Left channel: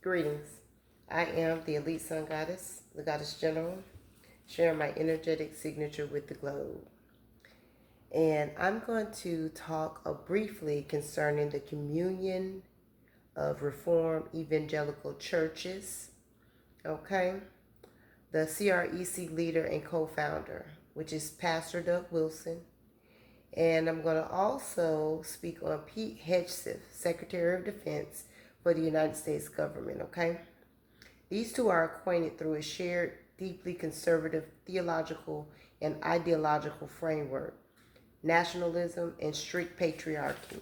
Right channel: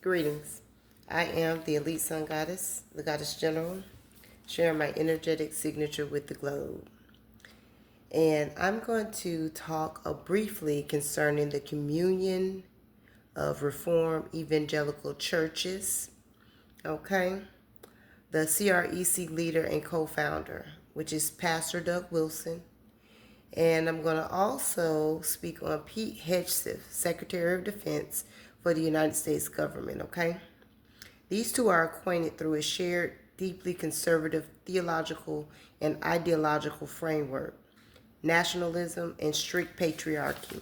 Greetings. I am the Elite Sun Goddess, the Goddess General, sharing my energetic signature with the globe. And I'm going to talk briefly concerning the communion of Reformed Evangelical Churches. Okay. The CREC leader and co founder, which is Pastor Doug Wilson. And I'm going to also speak on Pete Hegseth, Secretary of Defense for the United States government. Okay. These two are acquainted through a shared, deeply conservative theological and ideological framework, nationalism and strict patriarchy.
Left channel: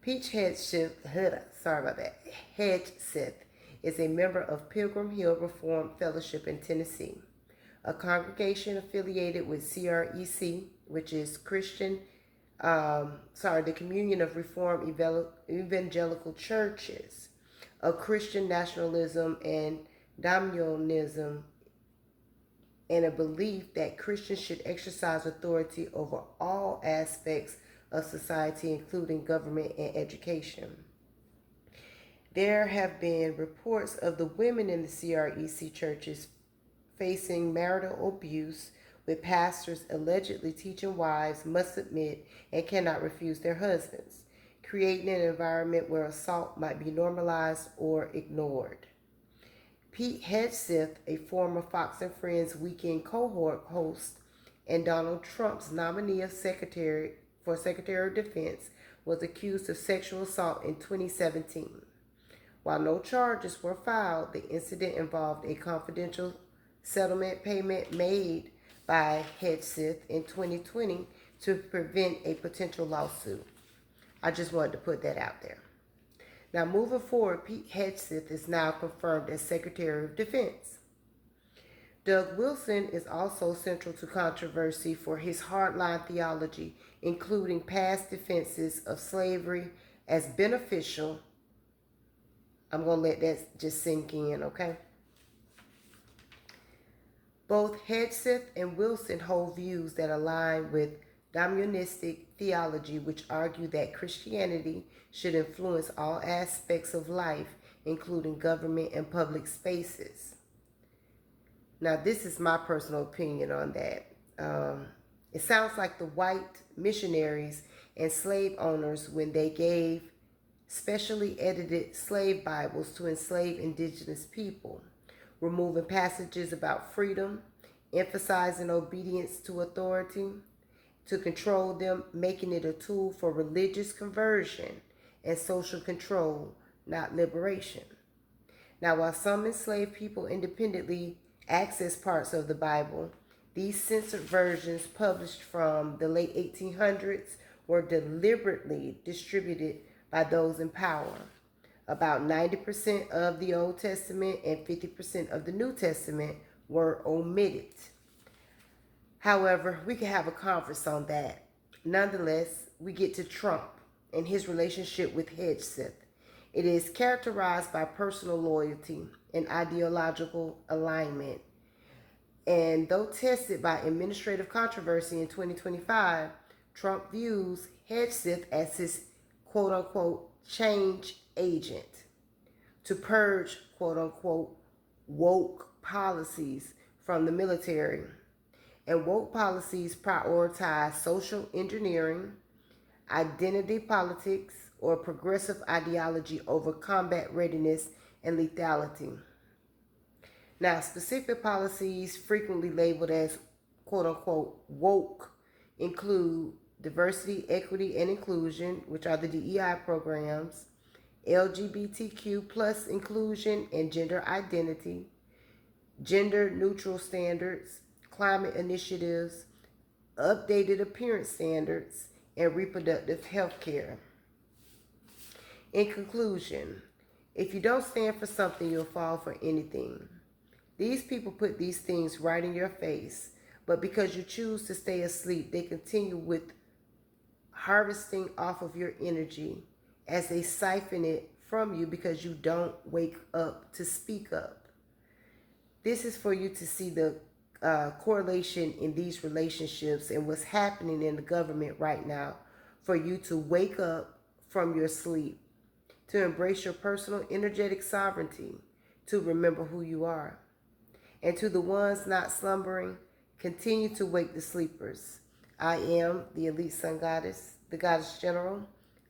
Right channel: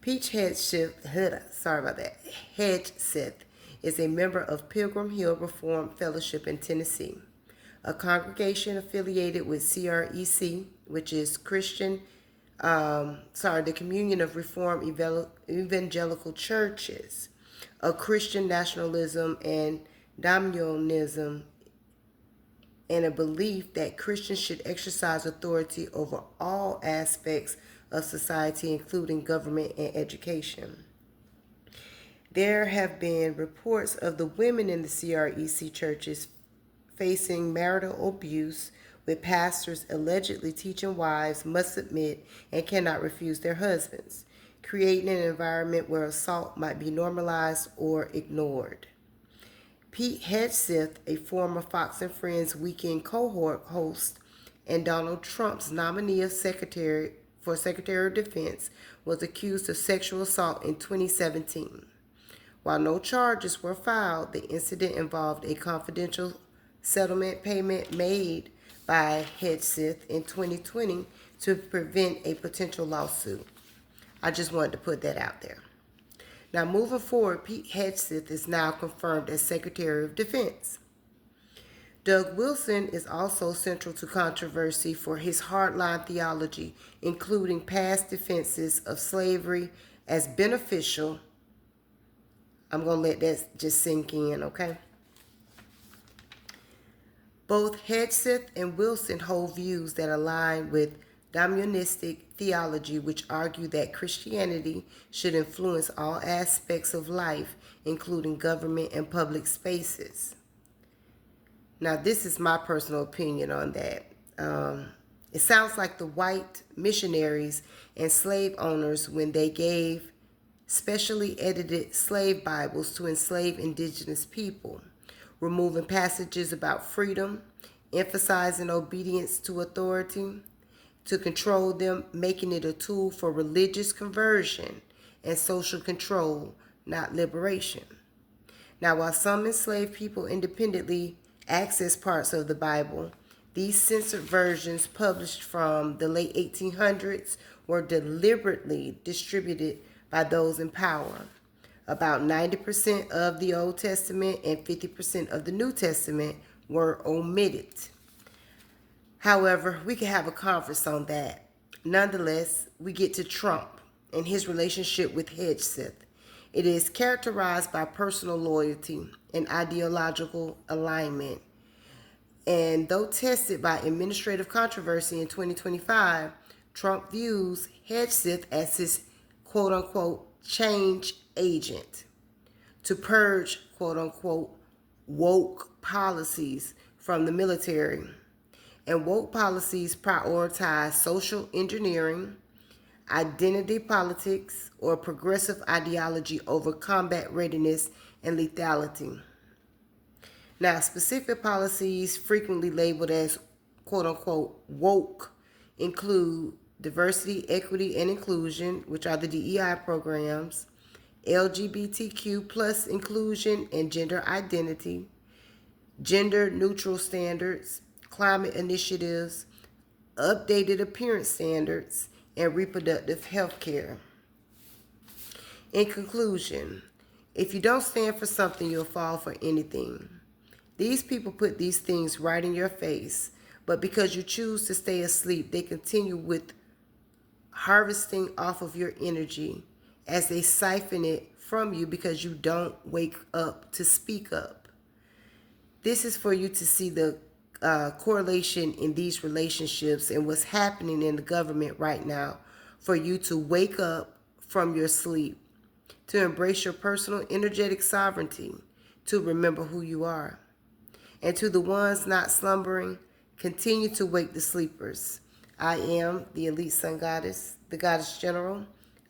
Pete Hegseth, Hegseth is a member of Pilgrim Hill Reformed Fellowship in Tennessee, a congregation affiliated with CREC, which is the Communion of Reformed Evangelical Churches, a Christian nationalism and dominionism, and a belief that Christians should exercise authority over all aspects of society, including government and education. There have been reports of the women in the CREC churches facing marital abuse, with pastors allegedly teaching wives must submit and cannot refuse their husbands, creating an environment where assault might be normalized or ignored. Pete Hegseth, a former Fox and Friends weekend cohort host and Donald Trump's nominee of Secretary of Defense, was accused of sexual assault in 2017. While no charges were filed, the incident involved a confidential settlement payment made by Hegseth in 2020 to prevent a potential lawsuit. I just wanted to put that out there. Now, moving forward, Pete Hegseth is now confirmed as Secretary of Defense. Doug Wilson is also central to controversy for his hardline theology, including past defenses of slavery as beneficial. I'm going to let that just sink in, okay? Both Hegseth and Wilson hold views that align with dominionistic theology, which argue that Christianity should influence all aspects of life, including government and public spaces. Now, this is my personal opinion on that. It sounds like the white missionaries and slave owners when they gave specially edited slave Bibles to enslaved indigenous people, removing passages about freedom, emphasizing obedience to authority, to control them, making it a tool for religious conversion and social control, not liberation. Now, while some enslaved people independently access parts of the Bible, these censored versions published from the late 1800s were deliberately distributed by those in power. About 90% of the Old Testament and 50% of the New Testament were omitted. However, we can have a conference on that. Nonetheless, we get to Trump and his relationship with Hegseth. It is characterized by personal loyalty and ideological alignment. And though tested by administrative controversy in 2025, Trump views Hegseth as his quote unquote change agent to purge quote unquote woke policies from the military. And woke policies prioritize social engineering, identity politics, or progressive ideology over combat readiness and lethality. Now, specific policies frequently labeled as quote unquote woke include diversity, equity, and inclusion, which are the DEI programs, LGBTQ plus inclusion and gender identity, gender neutral standards, climate initiatives, updated appearance standards, and reproductive health care. In conclusion, if you don't stand for something, you'll fall for anything. These people put these things right in your face, but because you choose to stay asleep, they continue with harvesting off of your energy as they siphon it from you because you don't wake up to speak up. This is for you to see the correlation in these relationships and what's happening in the government right now, for you to wake up from your sleep. to embrace your personal energetic sovereignty, to remember who you are. And to the ones not slumbering, continue to wake the sleepers. I am the elite sun goddess, the goddess general.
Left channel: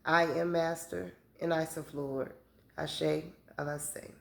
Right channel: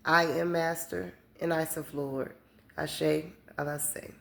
I am master, and I self Lord. Ashe, Alaseh.